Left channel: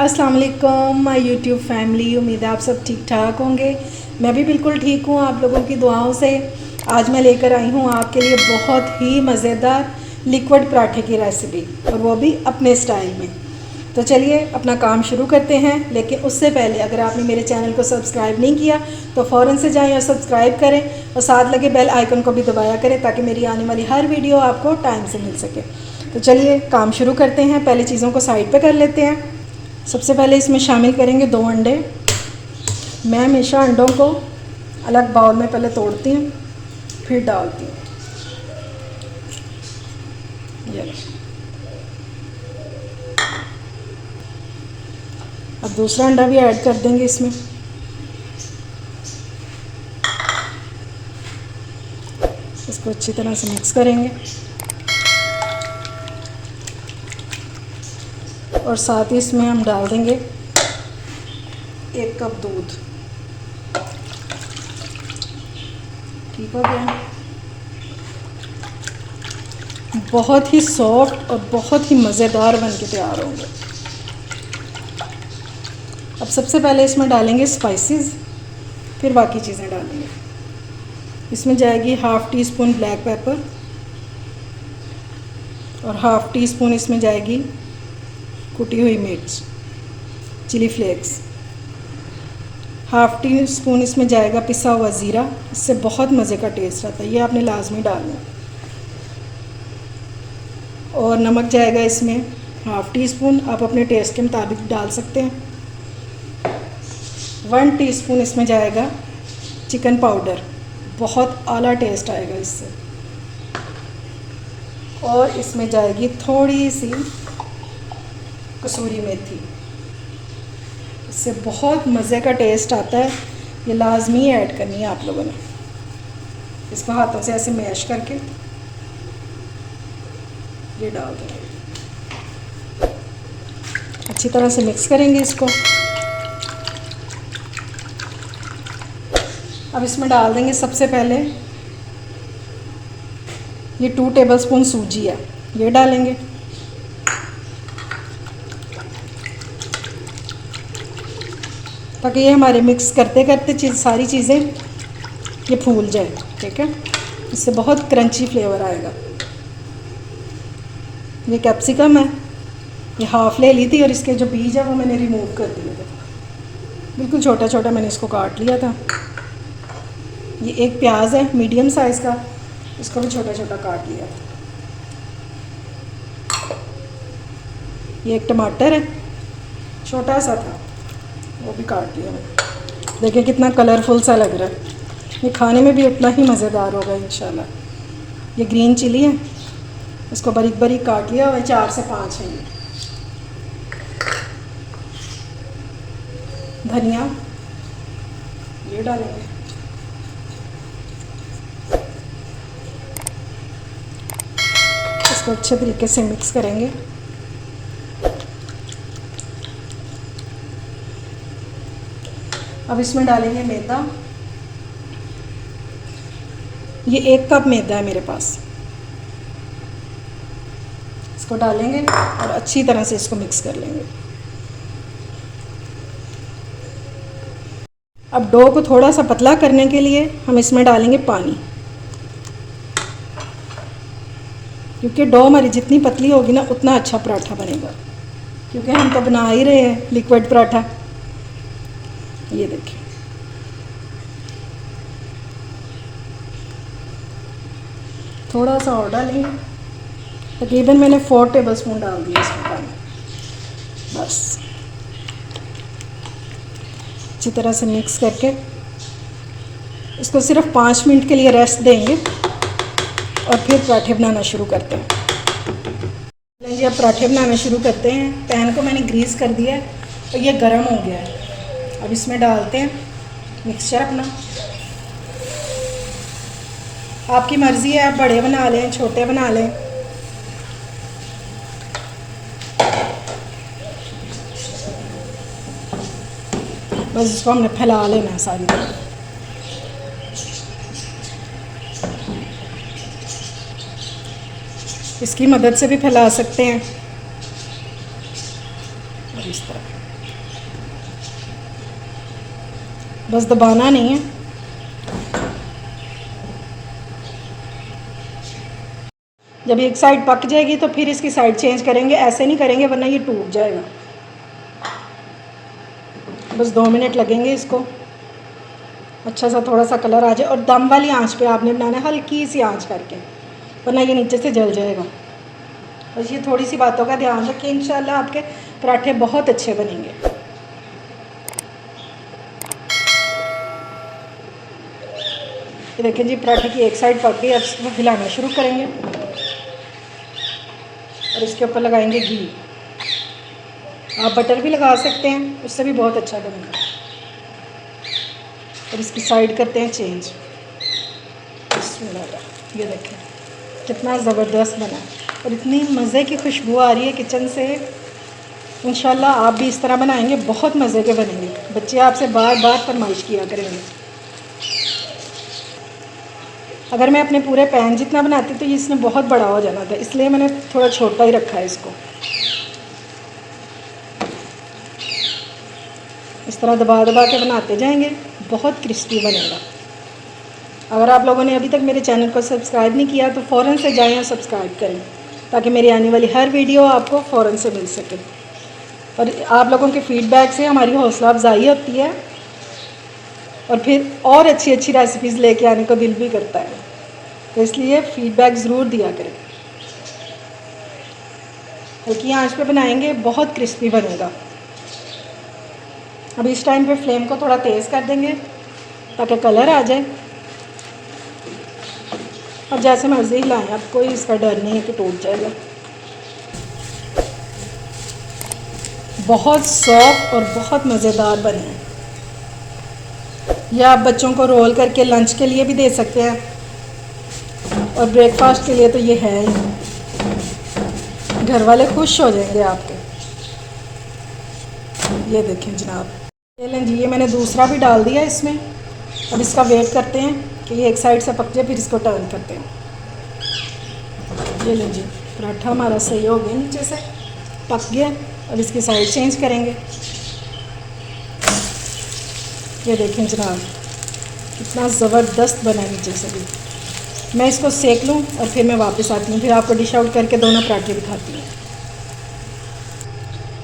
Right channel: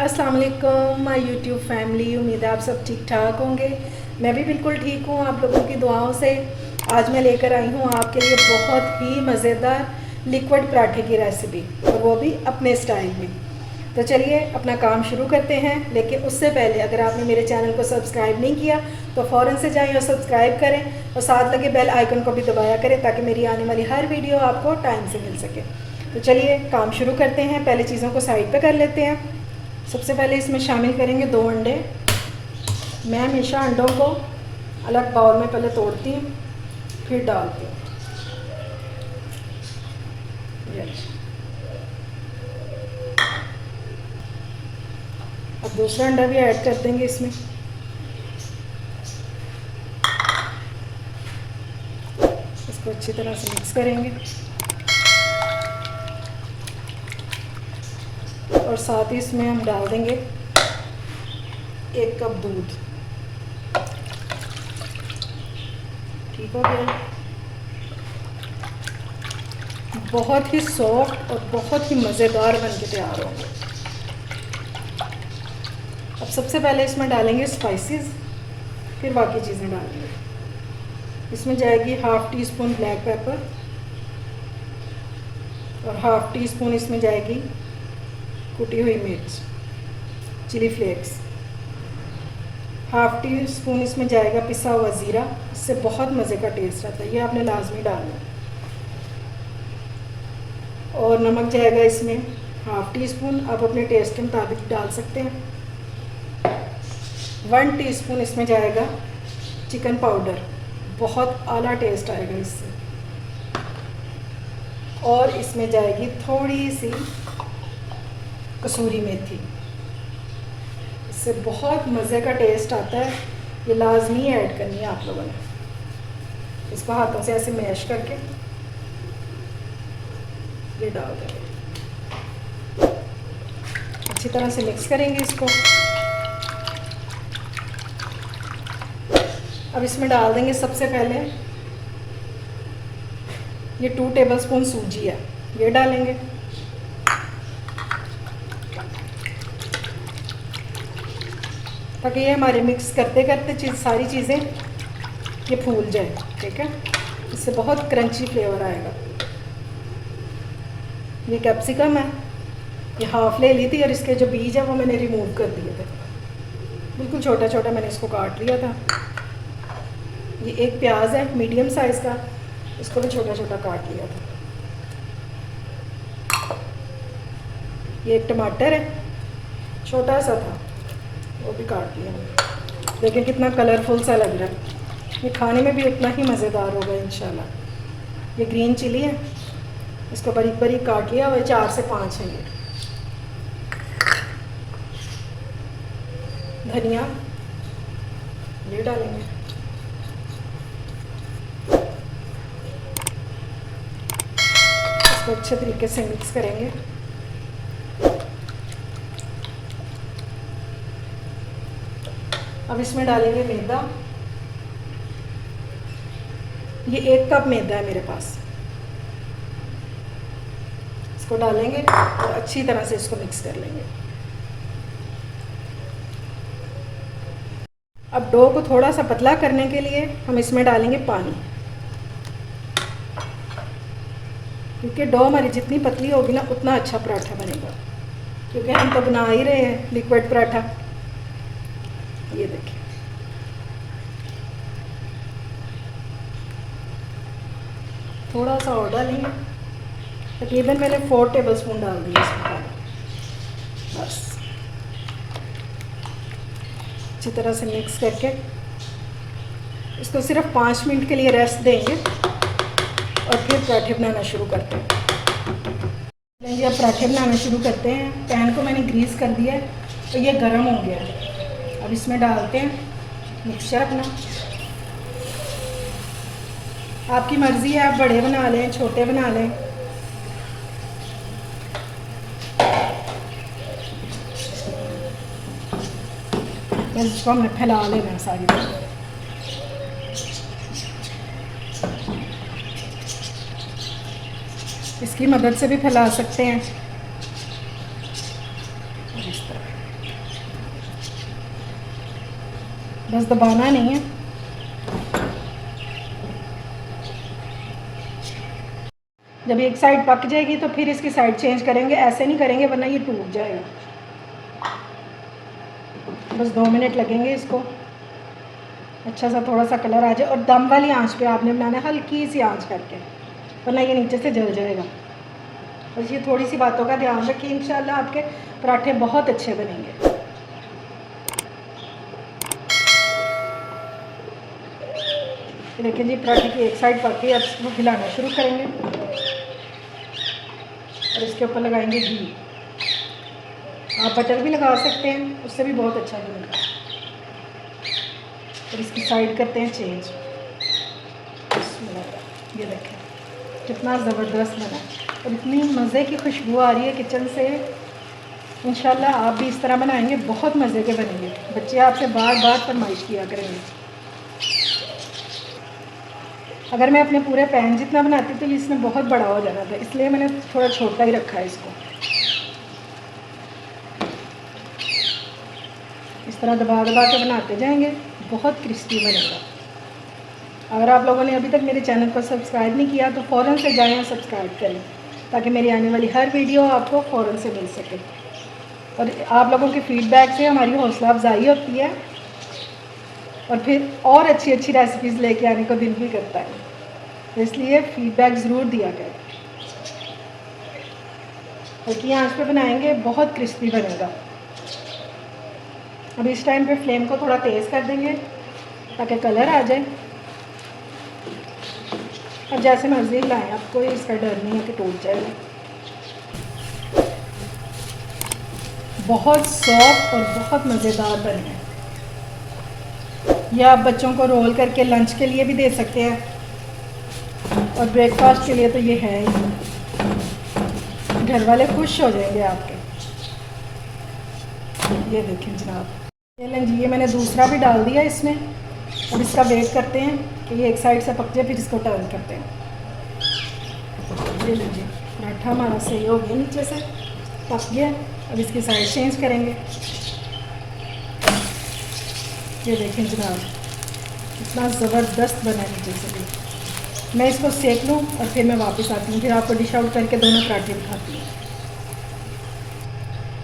अस्सलाम वालेकुम my YouTube family. उम्मीद है आप सब ठीक ठाक होंगे। मैं भी बिल्कुल ठीक हूँ आप लोगों की दुआओं से। आज मैं लेकर आई हूँ आपके लिए बहुत ही मज़ेदार लिक्विड पराठे की रेसिपी, और वो भी अपने स्टाइल में। तो चलिए अपना काम शुरू करते हैं। लेकिन उससे पहले अगर आपने मेरे चैनल को सब्सक्राइब नहीं किया तो फ़ौरन से जाएं और सब्सक्राइब करें, और साथ लगे बेल आइकन को भी दबाया करें ताकि मेरी आने वाली हर वीडियो आपको टाइम से मिल सके। तो चलिए काम शुरू करते हैं। पहले चीज़ों को साइड पे कर लेते हैं। सबसे पहले इसमें शामिल करेंगे 2 अंडे। मैं हमेशा अंडों को अलग बाउल में पहले तोड़ती हूँ फिर डालती हूँ। ये अब दूसरा अंडा भी ऐड कर देंगे इसमें। इसको अच्छी तरह से मिक्स करेंगे और साथ ही इसमें हम डाल देंगे 1 कप दूध। ठीक हो गया। बहुत ही सॉफ्ट और बहुत ही मज़ेदार बन के तैयार होंगे। अब सबसे पहले इसमें डालेंगे स्पाइसेस, फिर बाकी चीज़ें डालेंगे। इसमें जाएगी 1/2 टीस्पून ब्लैक पेपर और 1/2 टीस्पून इसमें जाएगी कुटी हुई मिर्च, चिली फ्लेक्स। 1/2 टीस्पून इसमें जाएगा पिसा हुआ ज़ीरा। इससे बहुत मज़े का टेस्ट आता है, ये आपने लाजमी डालना है। और नमक जाएगा इसमें 1/2 टीस्पून, आप अपने टेस्ट के मुताबिक डाल सकते हैं। 1 टीस्पून इसमें जाएगा चिकन पाउडर, बहुत आला टेस्ट आएगा इससे। और इसमें जाएगी थोड़ी सी कसूरी मेथी, इससे बहुत मज़े का टेस्ट आता है। ये लाजमी ऐड करनी है आप लोगों ने। इसको हाथों से ऐसे मैश करके ये डाल देंगे। अच्छी तरह से मिक्स करेंगे इसको। अब इसमें डाल देंगे सबसे पहले ये 2 टेबलस्पून सूजी है, ये डालेंगे। ताकि ये हमारे मिक्स करते करते सारी चीज़ें ये फूल जाए। ठीक है, इससे बहुत क्रंची फ्लेवर आएगा। ये कैप्सिकम है, ये हाफ़ ले ली थी और इसके जो बीज है वो मैंने रिमूव कर दिए थे। बिल्कुल छोटा छोटा मैंने इसको काट लिया था। ये एक प्याज है मीडियम साइज़ का, इसको भी छोटा छोटा काट लिया था। ये एक टमाटर है, छोटा सा था, वो भी काट लिया मैंने। देखिए कितना कलरफुल सा लग रहा है। ये खाने में भी उतना ही मज़ेदार होगा इंशाल्लाह। ये ग्रीन चिली है, इसको बारीक बारीक काट लिया और 4 से 5 है। ये धनिया ये डालेंगे। इसको अच्छे तरीके से मिक्स करेंगे। अब इसमें डालेंगे मैदा। ये 1 कप मैदा है मेरे पास। इसको डालेंगे और अच्छी तरह से इसको मिक्स कर लेंगे। अब डो को थोड़ा सा पतला करने के लिए हम इसमें डालेंगे पानी, क्योंकि डो हमारी जितनी पतली होगी ना उतना अच्छा पराठा बनेगा। क्योंकि हम तो बना ही रहे हैं लिक्विड पराठा। ये देखिए, थोड़ा सा और डालेंगे। तकरीबन मैंने 4 टेबलस्पून डाल दिया इसमें पानी। बस अच्छी तरह से मिक्स करके इसको सिर्फ 5 मिनट के लिए रेस्ट देंगे और फिर पराठे बनाना शुरू करते हैं। चलिए जी, अब पराठे बनाना शुरू करते हैं। पैन को मैंने ग्रीस कर दिया है और ये गर्म हो गया है। अब इसमें डालते हैं मिक्सचर अपना। आपकी मर्ज़ी है, आप बड़े बना लें छोटे बना लें। बस इसको हमने फैला लेना सारी तरह। इसकी मदद से भी फैला सकते हैं। इस तरह, बस दबाना नहीं है। जब एक साइड पक जाएगी तो फिर इसकी साइड चेंज करेंगे, ऐसे नहीं करेंगे वरना ये टूट जाएगा। बस 2 मिनट लगेंगे इसको अच्छा सा थोड़ा सा कलर आ जाए, और दम वाली आंच पे आपने बनाना है, हल्की सी आंच करके, वरना ये नीचे से जल जाएगा। बस ये थोड़ी सी बातों का ध्यान रखिए, इंशाल्लाह आपके पराठे बहुत अच्छे बनेंगे। ये देखिए जी, पराठे की एक साइड पक गई, अब इसको हिलाना शुरू करेंगे और इसके ऊपर लगाएंगे घी। आप बटर भी लगा सकते हैं, उससे भी बहुत अच्छा बनेगा। और इसकी साइड करते हैं चेंज। ये देखें कितना ज़बरदस्त बना, और इतनी मज़े की खुशबू आ रही है किचन से। इंशाल्लाह आप भी इस तरह बनाएंगे, बहुत मज़े के बनेंगे। बच्चे आपसे बार बार फरमाइश किया करेंगे। अगर मैं अपने पूरे पैन जितना बनाती तो इसने बहुत बड़ा हो जाना था, इसलिए मैंने थोड़ा छोटा ही रखा है इसको। इस तरह दबा दबा के बनाते जाएंगे, बहुत क्रिस्पी बनेगा। अगर आप लोगों ने अभी तक मेरे चैनल को सब्सक्राइब नहीं किया तो फ़ौरन से जाएं और सब्सक्राइब करें, ताकि मेरी आने वाली हर वीडियो आपको फ़ौरन से मिल सके। और आप लोगों के फ़ीडबैक से हमारी हौसला अफजाई होती है, और फिर और अच्छी अच्छी रेसिपीज़ लेके आने को दिल भी करता है, तो इसलिए फ़ीडबैक ज़रूर दिया करें। हल्की आंच पे बनाएंगे, बहुत क्रिस्पी बनेगा। अब इस टाइम पे फ्लेम को थोड़ा तेज़ कर देंगे ताकि कलर आ जाए, और जैसे मर्ज़ी हिलाएं, आप कोई इसका डर नहीं है कि टूट जाएगा। बहुत सॉफ्ट और बहुत मज़ेदार बने हैं। यह आप बच्चों को रोल करके लंच के लिए भी दे सकते हैं, और ब्रेकफास्ट के लिए तो ये है ही, घर वाले खुश हो जाएंगे आपके। ये देखें जनाब, ये लें जी, ये मैंने दूसरा भी डाल दिया इसमें। अब इसका वेट करते हैं कि ये एक साइड से पक जाए, फिर इसको टर्न करते हैं। ये लें जी, पराठा हमारा सही हो गया, नीचे से पक गया। अब इसकी साइड चेंज करेंगे। ये देखें जनाब, कितना ज़बरदस्त बना है नीचे से भी। मैं इसको सेक लूँ और फिर मैं वापस आती हूँ, फिर आपको डिश आउट करके दोनों पराठे दिखाती हूँ।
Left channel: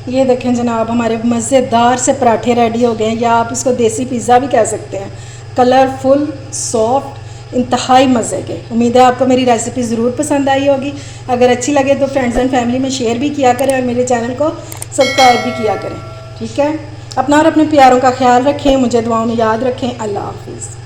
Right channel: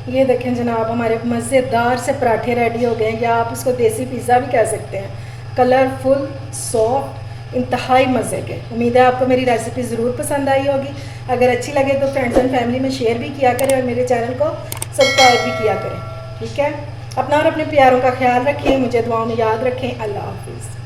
ये देखें जनाब, हमारे मज़ेदार से पराठे रेडी हो गए हैं, या आप इसको देसी पिज़्ज़ा भी कह सकते हैं। कलरफुल, सॉफ्ट, इंतहाई मज़े के। उम्मीद है आपको मेरी रेसिपी ज़रूर पसंद आई होगी। अगर अच्छी लगे तो फ्रेंड्स एंड फैमिली में शेयर भी किया करें, और मेरे चैनल को सब्सक्राइब भी किया करें। ठीक है, अपना और अपने प्यारों का ख्याल रखें, मुझे दुआओं में याद रखें। अल्लाह हाफिज़।